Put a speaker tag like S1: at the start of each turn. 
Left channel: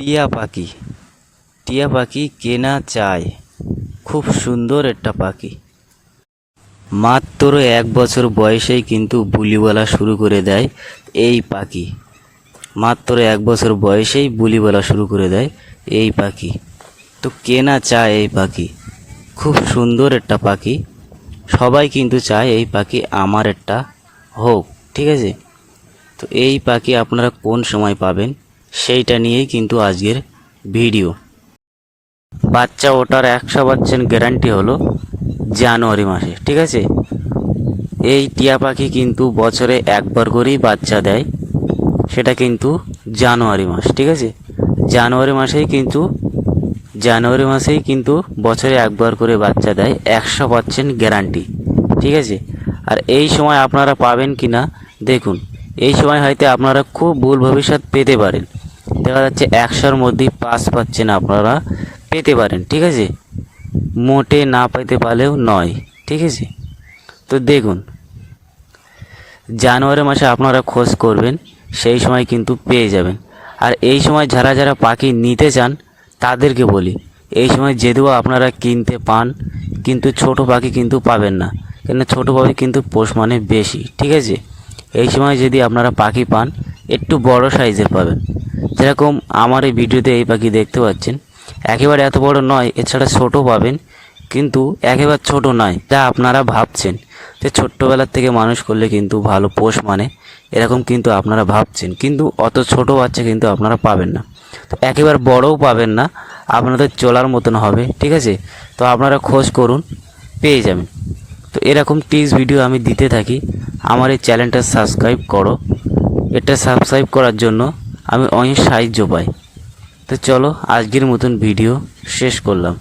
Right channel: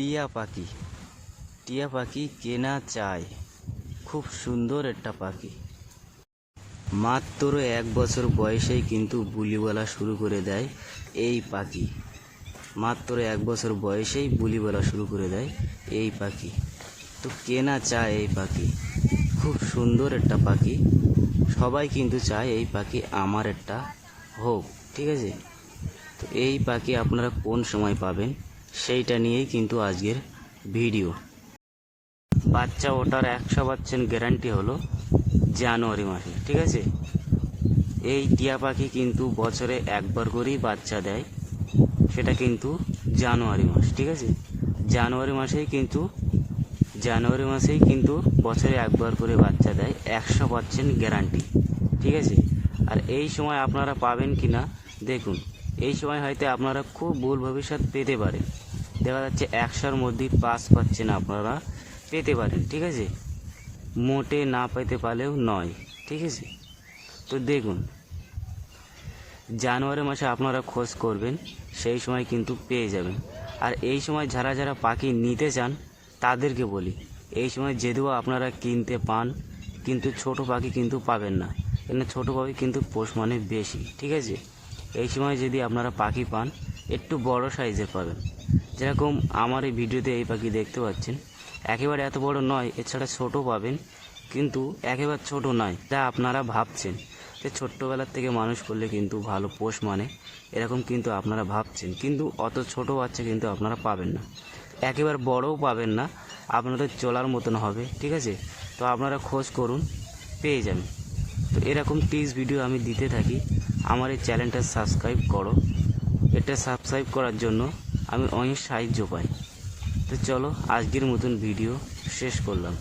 S1: টিয়া পাখি। টিয়া পাখি কেনা চায়। খুব সুন্দর একটা পাখি। মাত্র এক বছর বয়সেই কিন্তু বুলি বলা শুরু করে দেয় এই পাখি। মাত্র এক বছর বয়সেই বুলি বলা শুরু করে দেয় এই পাখি। তো কেনা চায় এই পাখি। খুব সুন্দর একটা পাখি। সবাই কিন্তু চায় এই পাখি আমার একটা হোক, ঠিক আছে? তো এই পাখি আপনারা কোন সময় পাবেন? সেইটা নিয়েই কিন্তু আজকের ভিডিও। বাচ্চা ওটার একশো পার্সেন্ট গ্যারান্টি হলো জানুয়ারি মাসে, ঠিক আছে? এই টিয়া পাখি কিন্তু বছরে একবার করেই বাচ্চা দেয়, সেটা কিন্তু জানুয়ারি মাস, ঠিক আছে? জানুয়ারি মাসেই কিন্তু, জানুয়ারি মাসেই কিন্তু বছরে একবার করে বাচ্চা দেয় একশো পার্সেন্ট গ্যারান্টি ঠিক আছে? আর এই সময় আপনারা পাবেন কি না দেখুন। এই সময় হয়তো আপনারা খুব ভুল ভবিষ্যৎ পেতে পারেন। দেখা যাচ্ছে একশোর মধ্যেই পাস পাচ্ছেন আপনারা, পেতে পারেন, ঠিক আছে? মোটে না পেতে পারলেও নয়, ঠিক আছে? তো দেখুন, জানুয়ারি মাসে আপনারা খোঁজ করবেন, সেই সময় কিন্তু পেয়ে যাবেন। আর এই সময় যারা যারা পাখি নিতে চান, তাদেরকে বলি, এই সময় যদিও আপনারা কিনতে পান, কিন্তু ছোট পাখি কিন্তু পাবেন না কেন ছোট পাখি কিন্তু পোষ মানে বেশি, ঠিক আছে? এই সময় যদি আপনারা পাখি পান, একটু বড় সাইজের পাবেন। যেরকম আমার এই ভিডিওতে এই পাখি দেখতে পাচ্ছেন, একেবারে এত বড় নয়, এছাড়া ছোট পাবেন, কিন্তু একেবারে ছোট নয়, যা আপনারা ভাবছেন। যে ছোট্টবেলার থেকে মানুষ করলে কিন্তু ভালো পোষ মানে এরকম কিন্তু আপনারা ভাবছেন, কিন্তু অত ছোট বাচ্চা কিন্তু আপনারা পাবেন না। তো একেবারে বড়ও পাবেন না, আপনাদের চলার মতন হবে, ঠিক আছে? তো আপনারা খোঁজ করুন, পেয়ে যাবেন। তো এরকম টিপস ভিডিও আমি দিতে থাকি। আমার এই চ্যানেলটা সাবস্ক্রাইব করো। এটা সাবস্ক্রাইব করার জন্য আমি অনেক সাহায্য পাই। তো চলো, আজকের মতন ভিডিও শেষ করলাম।